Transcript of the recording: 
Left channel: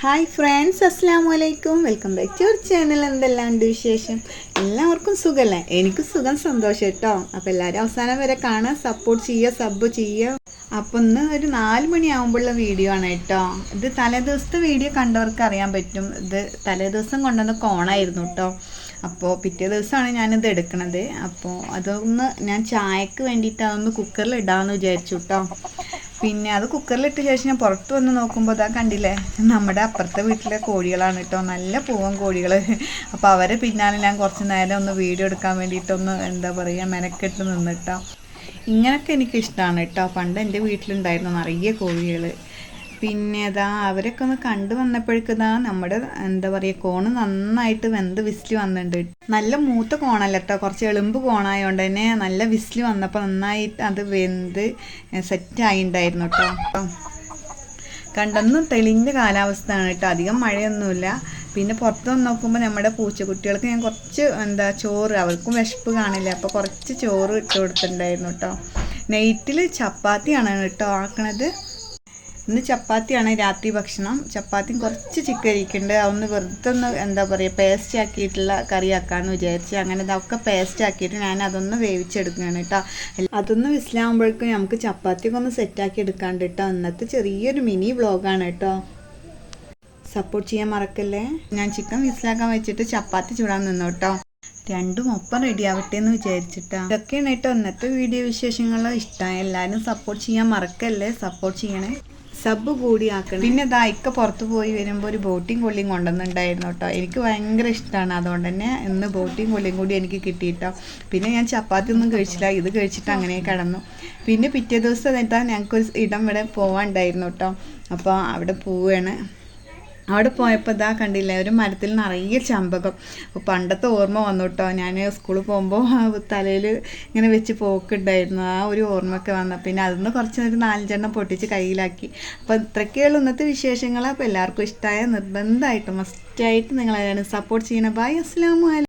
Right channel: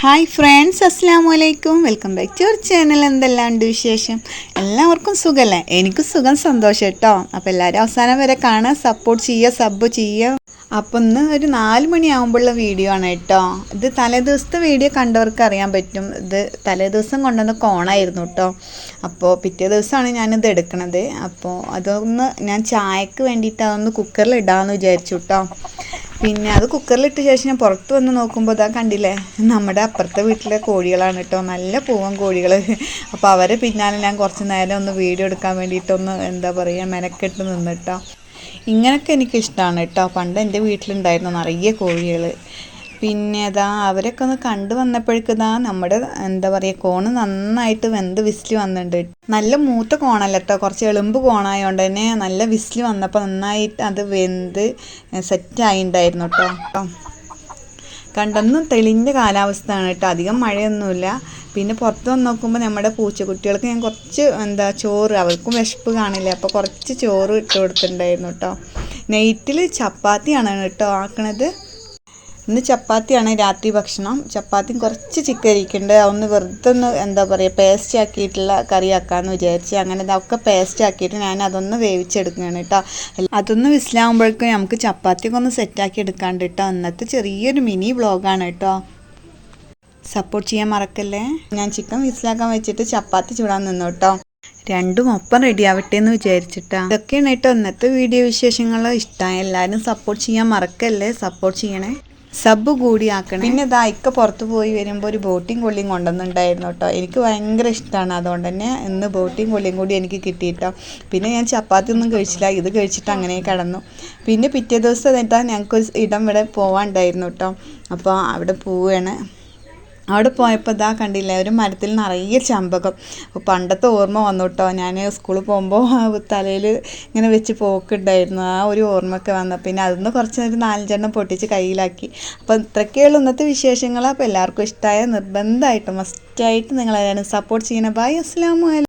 Hi friends അസ്സാം വലൈക്കും welcome back to our channel എന്തെല്ലാം ഉണ്ട് വിശേഷം? എല്ലാവർക്കും സുഖമല്ലേ എനിക്കും സുഖം സന്തോഷം കേട്ടോ അപ്പോൾ എല്ലാവരും അവസാനം വരെ കാണാൻ സപ്പോർട്ട് ചെയ്യുക സബ് ചെയ്യുക അപ്പം ഇന്ന് ഒരു നാല് മണിയാകുമ്പോഴുള്ള വീഡിയോ ആണ് കേട്ടോ. ഇത് തലേദിവസത്തെ വീഡിയോ കണ്ടവർക്ക് അറിയാൻ പറ്റും. ഇത് തലേദിവസം കൊണ്ടുവന്ന കോണായിരുന്നു കേട്ടോ. അപ്പോൾ പിറ്റേ ദിവസമാണ് ഞാനിത് എടുക്കണത്. അപ്പോൾ അതൊന്ന് ഞാൻ ചായക്ക് വേണ്ടിയിട്ട് അതൊന്ന് കുക്കറിൽ ഇടാമെന്ന് വിചാരിച്ചു കേട്ടോ. പിന്നെ അത് കുക്കറിലിട്ട ശേഷം ഞാൻ പുറത്ത് വന്ന് നോക്കുമ്പോൾ ഇതാ കണ്ടില്ലേ? നമ്മുടെ അപ്പുറത്തെ വീട്ടിലെ കോഴികളാണ് കേട്ടോ. നല്ല പൂവൻ കോഴികൾ അപ്പോൾ അവരെ പിന്നാലെ ഞാൻ കുറച്ച് നേരം ഒന്ന് വീഡിയോ എടുക്കാൻ വേണ്ടിയിട്ടൊന്ന് എന്താ പറയുക മെനക്കെട്ട് നിന്നിട്ടോ ഇങ്ങനെയൊക്കെ എനിക്കിഷ്ടമാണ് കേട്ടോ. പണ്ട് എന്റെ വീട്ടിലുണ്ടായിരുന്നു നിറയെ കോഴികൾ പിന്നെ അതാ അവരൊക്കെ ഒന്ന് കണ്ടു വന്നപ്പോഴേക്കതാ നമ്മുടെ എന്താ പറയുക കോണ് നന്നായിട്ട് വെന്ത് വിസിൽ വന്നിട്ടുണ്ട് നല്ല മൂത്ത കോണല്ല കേട്ടോ കുറച്ച് എളുമ്പ് കോണായതുകൊണ്ട് തന്നെ നല്ല വിസിൽ വന്നപ്പോൾ നന്നായിട്ട് അത് വെന്ത് സെറ്റായിണ്ടായിരുന്നു കേട്ടോ കണ്ടൊന്നും തെളിഞ്ഞ കാലാവസ്ഥയാണ് കേട്ടോ. അധികം മഴയൊന്നുമില്ല പിന്നെ പുറത്ത് വന്ന് നോക്കുമ്പോൾ നമ്മുടെ പൂച്ചക്കുട്ടികൾക്ക് ഞാൻ കുറച്ച് എന്താ ചോറ് അവർക്കും വിശപ്പ് കാണില്ല. അപ്പോൾ കുറച്ച് ചോറ് ഇട്ട് കൊടുത്തിട്ടുണ്ടായിരുന്നു കേട്ടോ. നെയ്റ്റിൽ ചപ്പാത്തിയാണ് കേട്ടോ ആക്കണത്. ഇന്ന് ചപ്പാത്തിയാണ് രാത്രി ഭക്ഷണം. ചപ്പാത്തിയും കുറച്ച് ചിക്കൻ ഇരിക്കുന്നുണ്ട് അതൊന്ന് വെറുതെ ഒന്ന് എന്താ പറയുക പേസ്റ്റ് ആക്കിയിട്ടുള്ള കറി ആക്കാമെന്ന് വിചാരിച്ച് അങ്ങനെ അതൊക്കെ പേസ്റ്റ് ആക്കിയിട്ട് ഞാൻ അതൊന്ന് വേവിച്ചെടുക്കുകയാണ് കേട്ടോ അതൊന്ന് വിസിലാകുമ്പോഴേക്കും നമുക്ക് ചപ്പാത്തിയൊക്കെ ഒന്ന് സെറ്റാക്കി എടുക്കാണ്ട് കേട്ടോ അന്നത്തെ ചെറിയൊരു മിനി വ്ളോഗാണ് കേട്ടോ സപ്പോർട്ട് ചെയ്യാൻ മറക്കല്ലേ? ഞാൻ ചിക്കൻ വിസിലാക്കാൻ വെച്ചിട്ട് ചപ്പാത്തി ചൂടാൻ നിന്നു കേട്ടോ രണ്ടും ഒപ്പം റെഡി ആവട്ടെ എന്ന് വിചാരിച്ചിട്ടാ ഇതൊക്കെയാണ് കേട്ടോ ഇന്നത്തെ വീഡിയോ വിശേഷങ്ങൾ ഇഷ്ടമായ എല്ലാവരും സപ്പോർട്ട് ചെയ്യാൻ മറക്കല്ലേ? സപ്പോർട്ട് ചെയ്യണേ. സബ് കൂടി ആക്കണം പിന്നെ ഇതാ ഇക്ക പുറത്തു പോയി വരുമ്പോൾ ഒരു ബോട്ടിങ് കൊള്ളിയും കൊണ്ടുവന്നിട്ടുണ്ടായിരുന്നു കേട്ടോ എനിക്ക് ഭയങ്കര ഇഷ്ടമാണ് അതുകൊണ്ട് തന്നെ ഇന്ന് ബോട്ടിങ് കൊള്ളിയും കൂടി എനിക്ക് കിട്ടിയിട്ടോ. പിന്നെ ഞാൻ ചപ്പാത്തി ഒന്നും കഴിച്ചില്ല. ഇത് കഴിച്ചിട്ട് അങ്ങനെ കിടന്നു. പിന്നെ പിറ്റേ ദിവസം എന്നിട്ടാ ഞങ്ങൾക്ക് ഇടം ഇവിടെ പോവാണ്ടായിരുന്നു കേട്ടോ അപ്പോൾ അവിടെ പോവുകയാണ് അവിടെ പോയപ്പോൾ ഇതാ കണ്ടില്ല ഒരു മരത്തിൽ നിറയെ ചമ്പകം. പണ്ടത്തെ ഓർമ്മ വന്നു കേട്ടോ ഞാൻ സ്കൂളിൽ പോകുമ്പോൾ തലയിൽ ഇങ്ങനെ വെച്ച് പോക്കുണ്ടായിരുന്നു. ആ ഒരു ഓർമ്മയൊക്കെ വന്നു. പിന്നെ അതിന്ന് കുറച്ച് ഒരു നാലഞ്ചെണ്ണം പൊട്ടിച്ച് കയ്യിലാക്കി. അപ്പോൾ ഇത്രയൊക്കെയുള്ള ഇന്നത്തെ വിശേഷങ്ങൾ അപ്പോൾ എല്ലാവർക്കും ഇഷ്ടമായ നിർബന്ധമായിട്ട് മസ്റ്റായിട്ട് നിങ്ങളെല്ലാവരും സപ്പോർട്ട് ചെയ്യണം. ബൈ അസ്സാം